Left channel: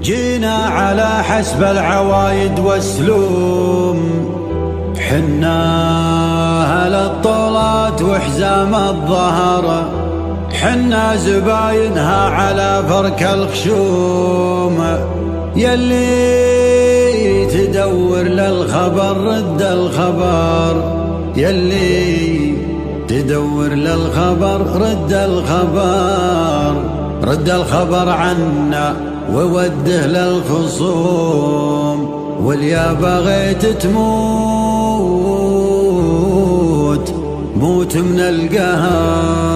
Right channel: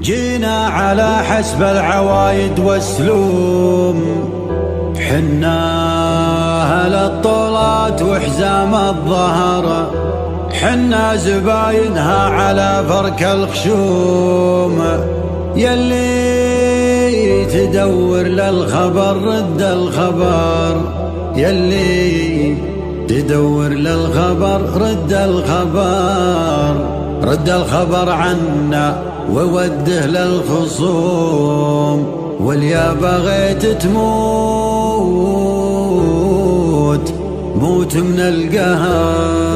جينا على حسب العوايد والسلوم، حنا أهل الطولات وحزام الظهر، حنا زباينها على فرك الخشوم. يلي تدور للخبر رد الخبر، يلي تدور للخبر رد الخبر، رد الخبر عنا ووده للخصوم. واليا بغيت تموت موت من القهر.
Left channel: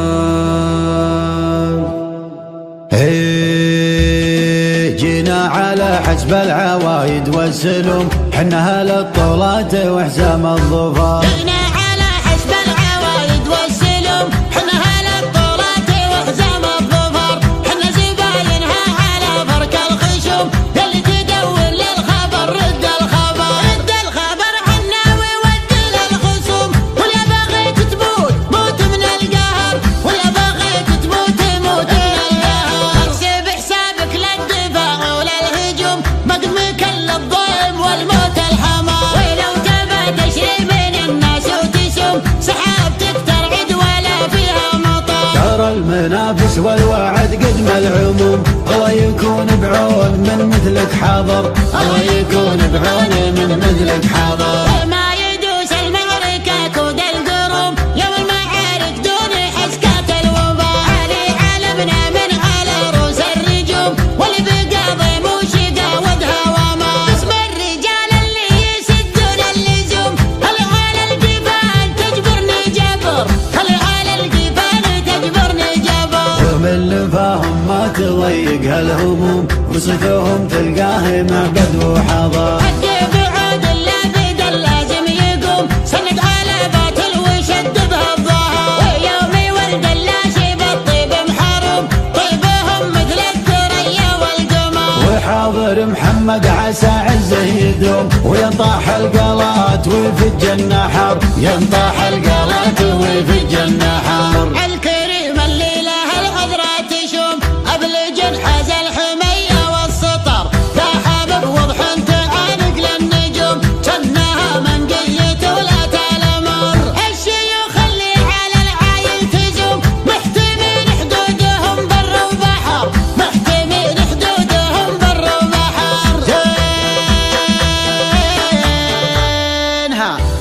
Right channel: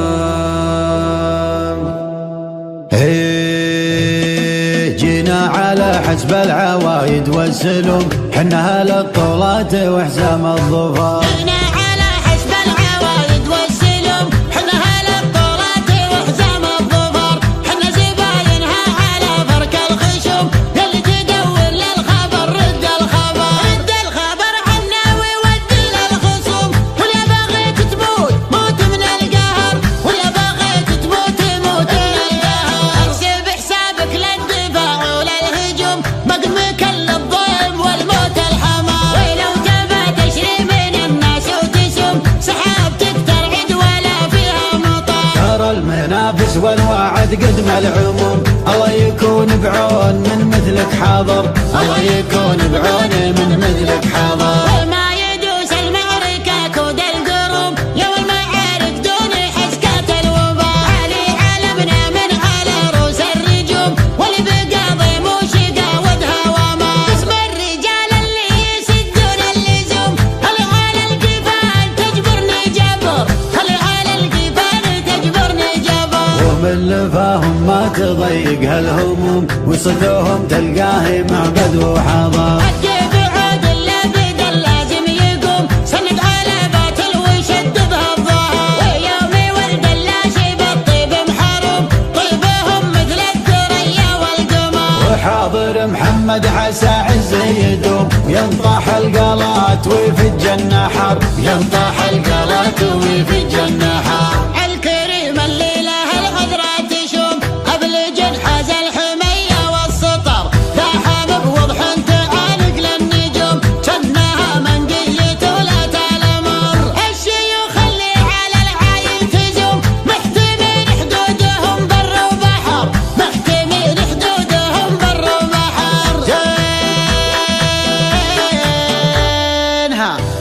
جينا على حسب العوايد والسلوم، حنا أهل الطولات وحزام الظفر. جينا على حسب العوايد والسلوم، حنا أهل الطولات وحزام الظفر، حنا زباينها على فرك الخشوم. يلي تدور للخبر رد الخبر، رد الخبر عنا وودي للخصوم. واليا بغيت تموت موت من القهر، واليا بغيت تموت موت من القهر. احسب حسابك للدفاع وللهجوم، مقمك للضيم والموت الحمار. ولو تبى تشري من الناس وتسوم، سحابتك ترعد ولا فيها مطر. ترى المنافس والوعد قدم العموم، الله يكون بعون من مثلك حاضر، الله يكون بعون من مثلك حاضر. وما يدوس المعركة كود القروم، يوم المعارك دون حسكات الوباء. علي علمنا من على رؤوس الرجوم، واللي بقاضي موشقة ودها وما. باسم الرجال اللي يسدون اللزوم، هل على الجبال تجبرني جبر، هل على الجبال تجبرني جبر. ومن لفاهم ما تضيق هالهموم، وصفوهم تلقاه معقد وحضر. الجيب عود اللابد اللازم يقوم، سند على باطل وشد بها الظهر. ويومي ولد اللاشي بالطيب محروم، طيبهم مثل الثريا والقمر. وحاضر محمد عسى عزه يدوم، وينطاح القلات ويفج النحر، ينطاح القلات ويفج النحر. الكريم اللي له العذرة تشوم، أبلج حاز الحمية والسطر. داحم بوضح تعانق للنجوم، جنها منقية ولا تلمر. الشيوخ اللي على العايل تزوم، محتمين حدودهم بر وبحر، محتمين حدودهم بر وبحر.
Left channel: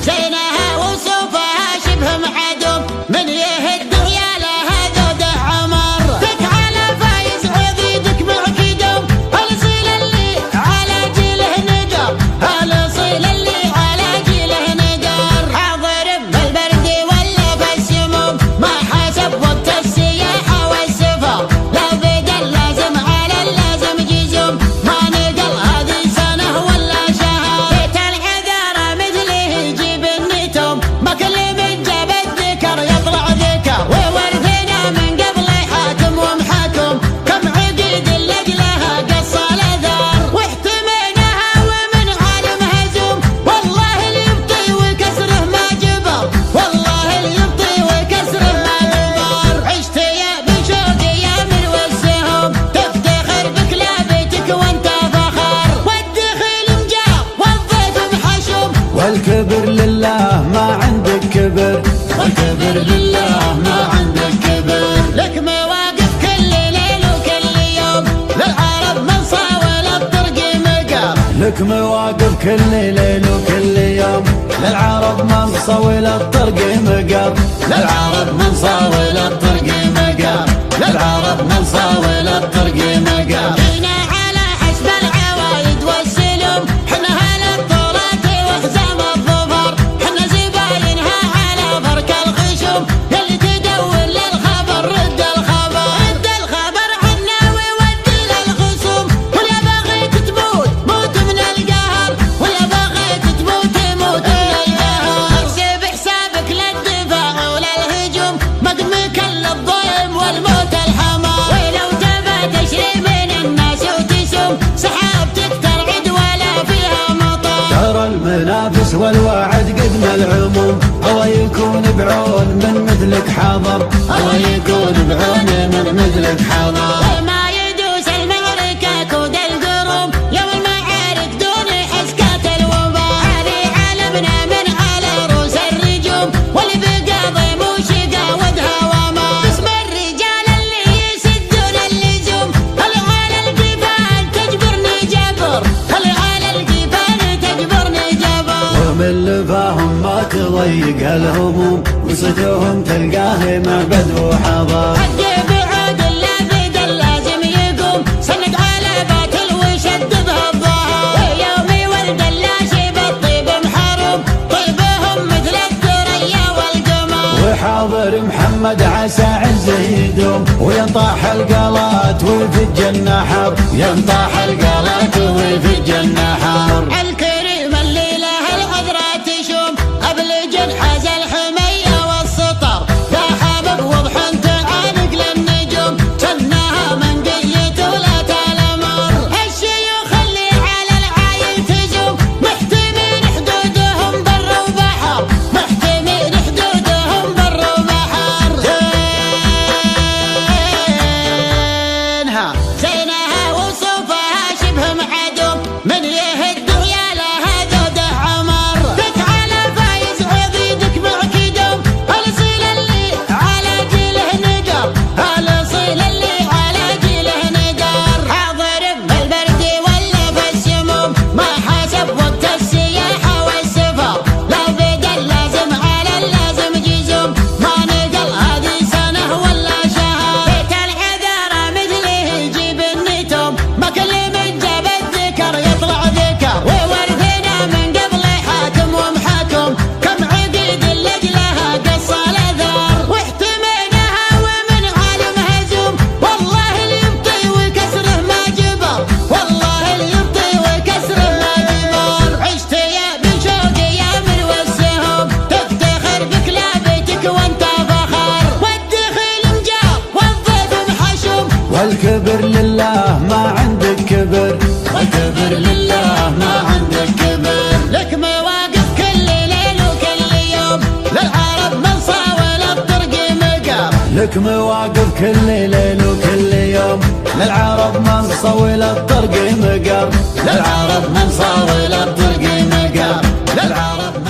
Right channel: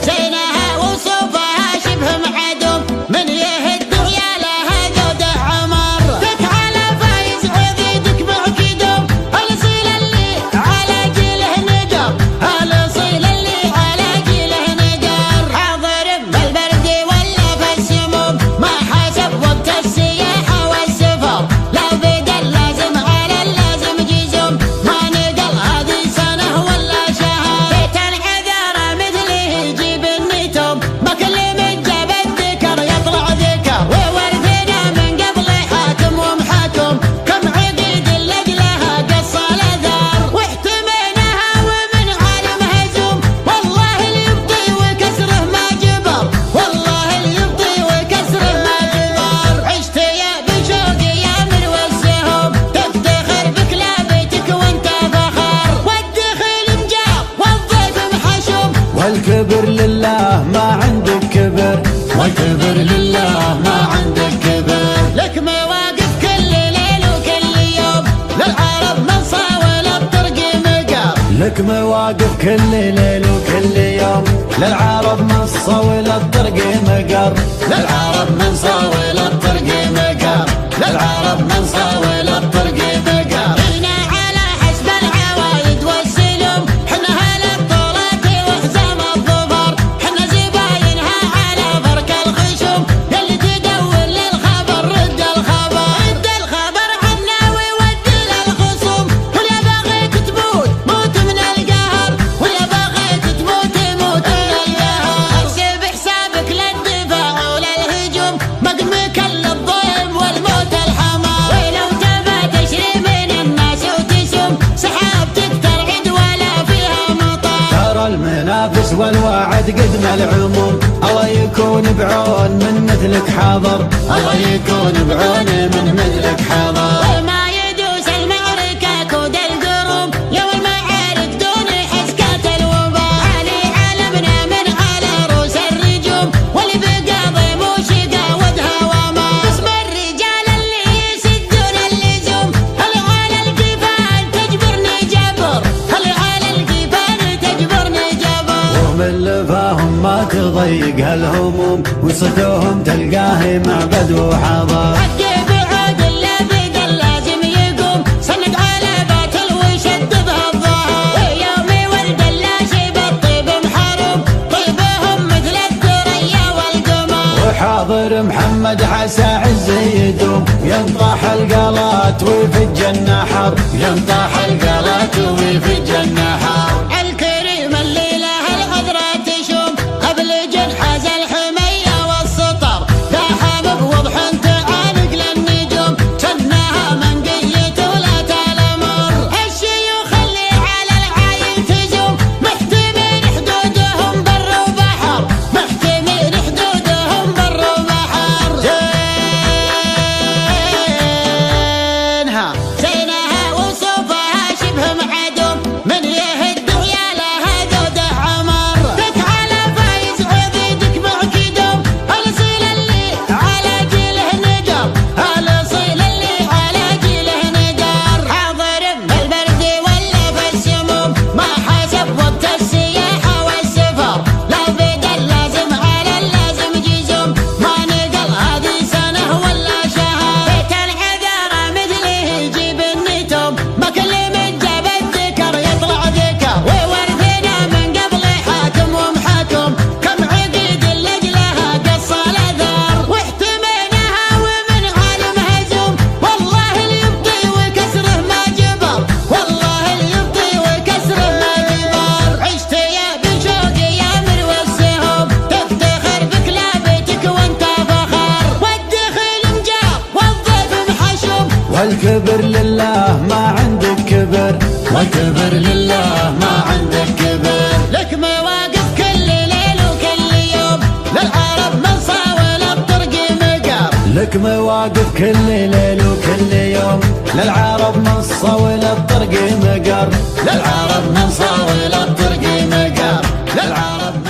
زينها وصوفها شبه معدوم، من يهد عيالها ذوده عمر. ذك على فايز عضيدك معكدوم، الاصيل اللي على جيله ندر، الاصيل اللي على جيله ندر. حاضر بالبرد ولا في السموم، ما حسب وقت السياحة والسفر. لا بدل لازم على اللازم جزوم، ما نقل هذه سنة ولا شهر. بيت العذارى مثله يجيب النتوم، ما كل من جاب الذكر يطلع ذكر. وورثنا من قبل حاكم ومحاكم، كم عقيد لأجلها قص الأثر. واحتميناها ومن عالم هزوم، والله اللي يبطي وكسره ما جبر، والله اللي يبطي وكسره ما جبر. عشت يا بشوق يا من والسهوم، تفتخر بكلابتك وانت فخر. والدخيل مجار والضيف محشوم، والكبر لله ما عندك كبر، والكبر لله ما عندك كبر. لك مواقف كل ليل وكل يوم، للعرب من صاول الطرق مقر. لك مواقف كل ليل وكل يوم، للعرب من صول الطرق مقر، للعرب من صاول الطرق مقر، للعرب من صاول الطرق مقر. جينا على حسب العوايد والسلوم، حنا أهل الطولات وحزام الظفر، حنا زباينها على فرك الخشوم. يلي تدور للخبر رد الخبر، رد الخبر عنا وودي للخصوم. واليا بغيت تموت موت من القهر، واليا بغيت تموت موت من القهر. احسب حسابك للدفاع وللهجوم، مقمك للضيم والموت الحمار. ولو تبى تشري من الناس وتسوم، سحابتك ترعد ولا فيها مطر. ترى المنافس والوعد قدم العموم، الله يكون بعون من مثلك حاضر، الله يكون بعون من مثلك حاضر. وما يدوس المعركة كود القروم، تضيق هالهموم، وصدوهم تلقاه معبد وحضر. حق بعود اللابد اللازم يقوم، سند على باطل ويشد به الظهر، ويوم ولد اللاشي بالطيب محروم، طيبهم مثل الثريا والقمر. وحاضر محمد عسى عز يدوم، وينطاح القلات ويفج النحر، ينطاح القلات ويفج النحر. الكريم اللي له العذرة تشوم، أبلج حاز الحمية والسطر، لا حابب وضح تعانق للنجوم، سنها من قيت ولا تلمر. الشيوخ اللي على العايل تزوم، محتمين حدودهم بر وبحر، محتمين حدودهم بر وبحر. زينها وصوفها شبه معدوم، من يهد ويالها ذوده عمر. دك على فايز عضيدك معكدوم، الاصيل اللي على جيله ندر، الاصيل اللي على جيله ندر. حاضر بالبرد ولا في السموم، ما حسب وقت السياحة والسفر، لا بدل لازم على اللازم جزوم، ما نقل هذه سنة ولا شهر. بيت العذارى مثله يجيب النتوم، ما كل من جاب الذكر يطلع ذكر، وورثنا من قبل حاكم ومحاكم، كم عقيد لأجلها قص الأثر. واحتميناها ومن عالم هزوم، والله اللي يبطي وكسره ما جبر، والله اللي يبطي وكسره ما جبر. عشت يا بن شوقي يا مروى السهوم، تفتخر بكلابتك وانت فخر، والدخيل مجاب والضيف محشوم، والكبر لله ما عندك كبر، والكبر لله ما عندك كبر. لك مواقف كل ليل وكل يوم، للعرب من صاول الطرق مقر، لك مواقف كل ليل وكل يوم، للعرب من صول الطرق مقر، للعرب من صاول الطرق مقر، للعرب